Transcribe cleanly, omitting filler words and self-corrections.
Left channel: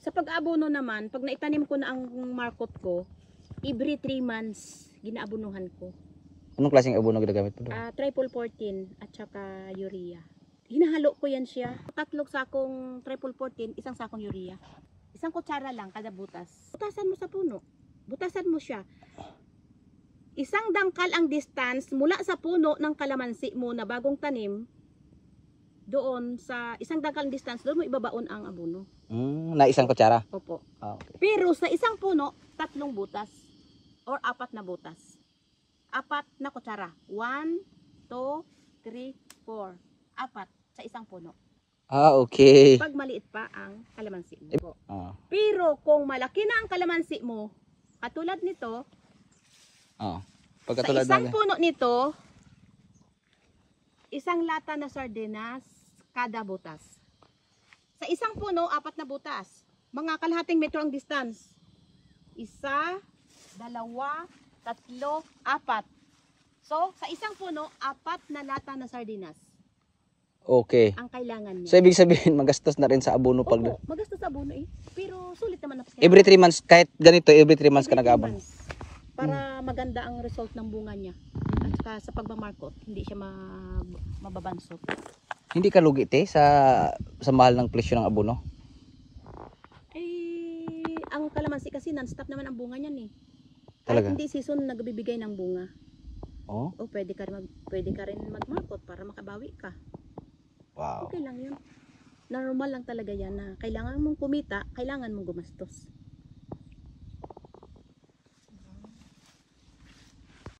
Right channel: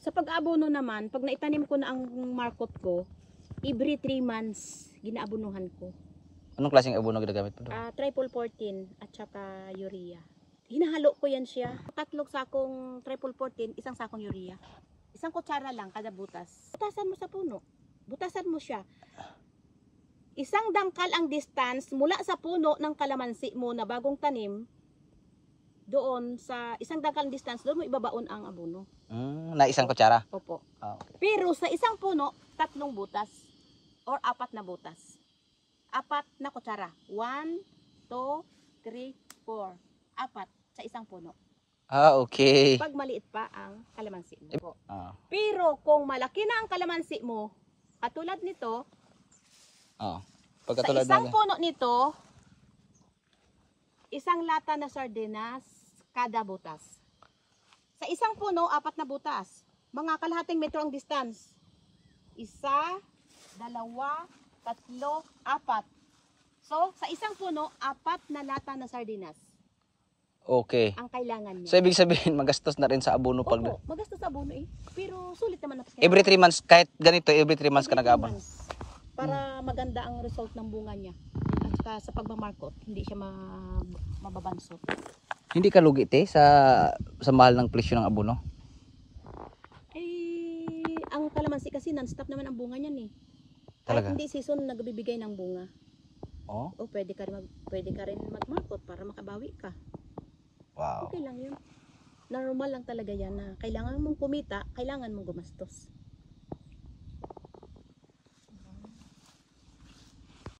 Sa pag-abono naman, pag naitanim ko na ang markot ko, every 3 months ginaabonuhan ko. Anong klaseng abono ginagamit mo doon? Triple 14 at saka urea. Hinahalo ko yan siya. 3 sakong triple 14, isang sakong urea. Isang kutsara lang kada butas. Butasan mo sa puno. Butasan mo siya. Isang dangkal ang distance mula sa puno ng kalamansi mo na bagong tanim. Doon sa isang dangkal ang distance, doon mo ibabaon ang abono. Na isang kutsara? Opo. Okay. Pero sa isang puno, 3 butas. Or 4 na butas. 4 na kutsara. 1, 2, 3, 4. 4 sa isang puno. Okay. Pag maliit pa ang kalamansi mo. Ah. Pero kung malaki na ang kalamansi mo, katulad nito, Pagkatulad sa isang ng puno nito, isang lata na sardinas kada butas. Sa isang puno, 4 na butas. Mga kalahating metro ang distance. 1, 2, 3, 4. So, sa isang puno, 4 na lata na sardinas Okay. ang kailangan niya. So ibig sabihin magastos na rin sa abono pag Opo, magastos sa abono eh. Pero sulit naman. every 3 months, kahit ganito every 3 months ka Every 3 nag-aabon. months. Para maganda ang result ng bunga niya. At saka sa pagmamarkot, hindi siya mababansot. Hindi ka lugi te sa mahal ng presyo ng abono? Eh, ang kalamansi kasi non-stop naman ang bunga niyan eh. Talaga? Kahit hindi season nagbibigay ng bunga. Oh. O pwede ka rin magmarkot para makabawi ka. Wow. Okay lang yun. Normal lang talaga yan na kailangan mong kumita, kailangan mong gumastos.